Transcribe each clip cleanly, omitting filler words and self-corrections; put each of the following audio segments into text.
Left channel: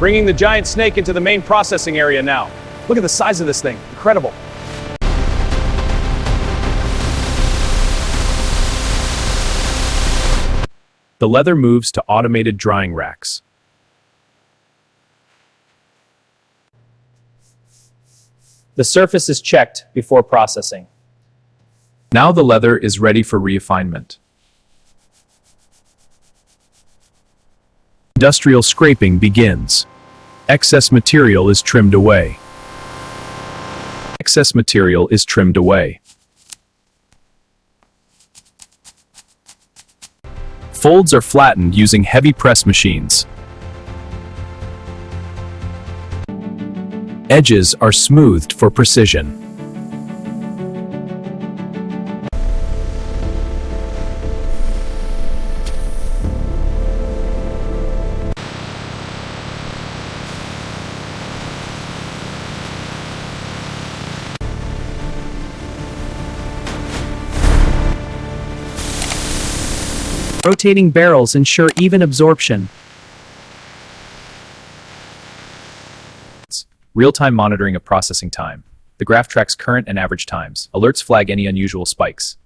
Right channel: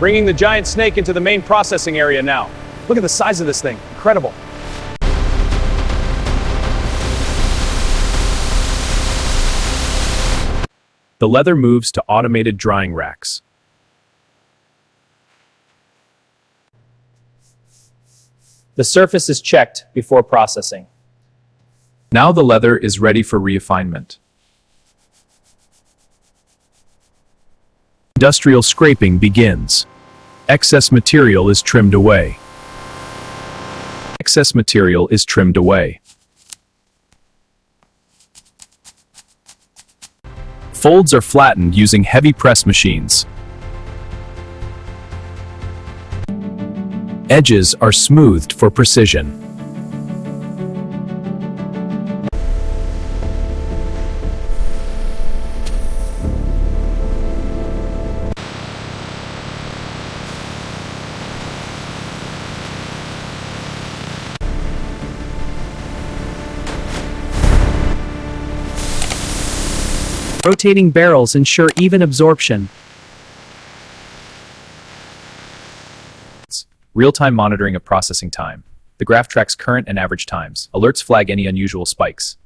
Bringing the giant snake into the main processing area now. Look at the size of this thing. Incredible. The leather moves to automated drying racks. The surface is checked before processing. Now the leather is ready for refinement. Industrial scraping begins. Excess material is trimmed away. Excess material is trimmed away. Folds are flattened using heavy press machines. Edges are smoothed for precision. Rotating barrels ensure even absorption. Real-time monitoring of processing time. The graph tracks current and average times. Alerts flag any unusual spikes.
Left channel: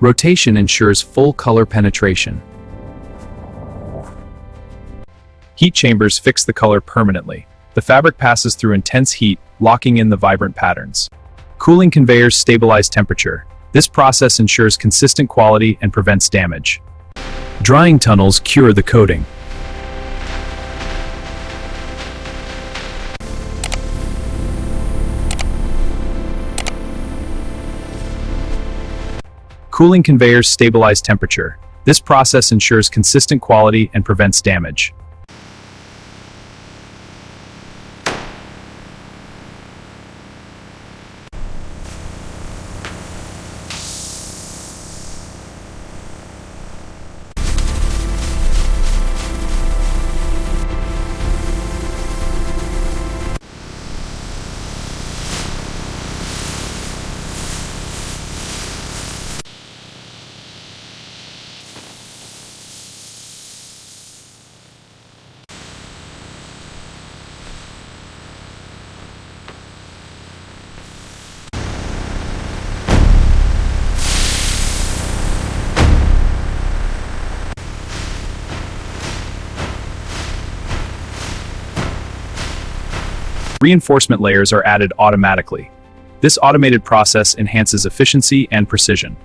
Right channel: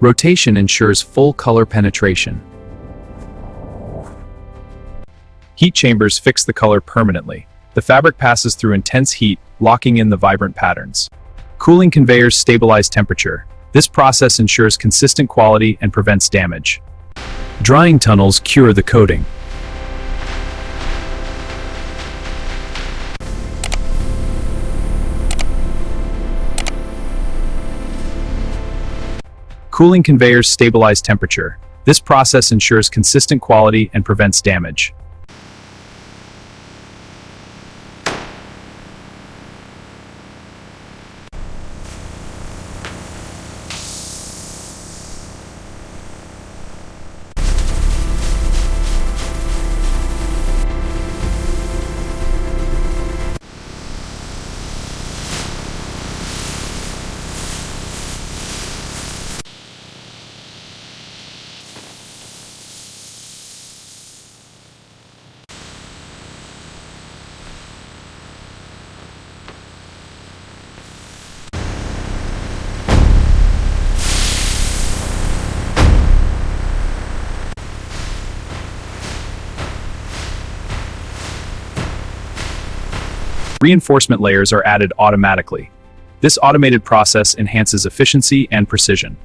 Rotation ensures full color penetration. Heat chambers fix the color permanently. The fabric passes through intense heat, locking in the vibrant patterns. Cooling conveyors stabilize temperature. This process ensures consistent quality and prevents damage. Drying tunnels cure the coating. Cooling conveyors stabilize temperature. This process ensures consistent quality and prevents damage. Reinforcement layers are added automatically. This automated process enhances efficiency and precision.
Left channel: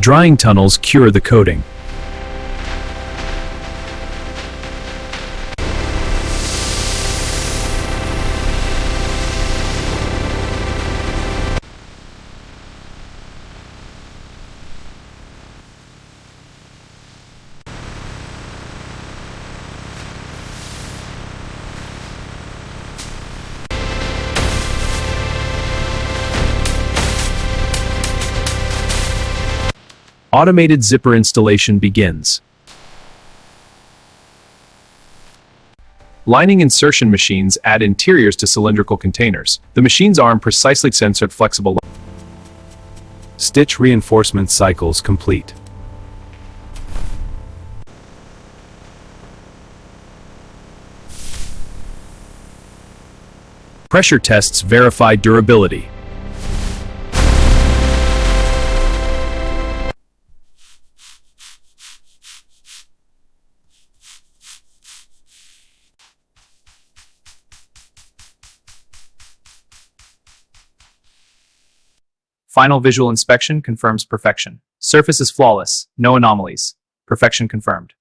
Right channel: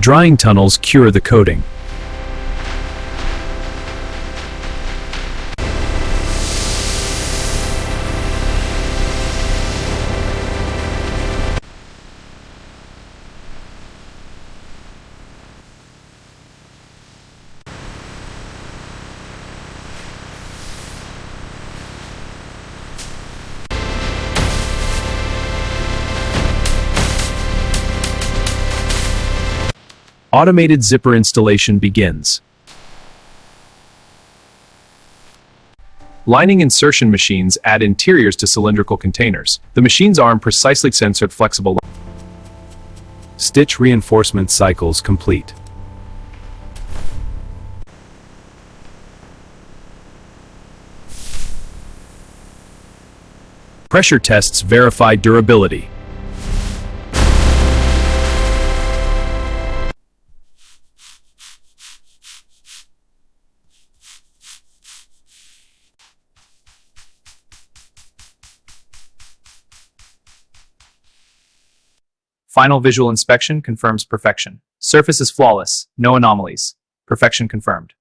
Drying tunnels cure the coating. Automated zipper installation begins. Lining insertion machines add interiors to cylindrical containers. The machine's arm precisely censored flexible. Stitch reinforcement cycles complete. Pressure tests verify durability. Final visual inspection confirms perfection. Surface is flawless, no anomalies. Perfection confirmed.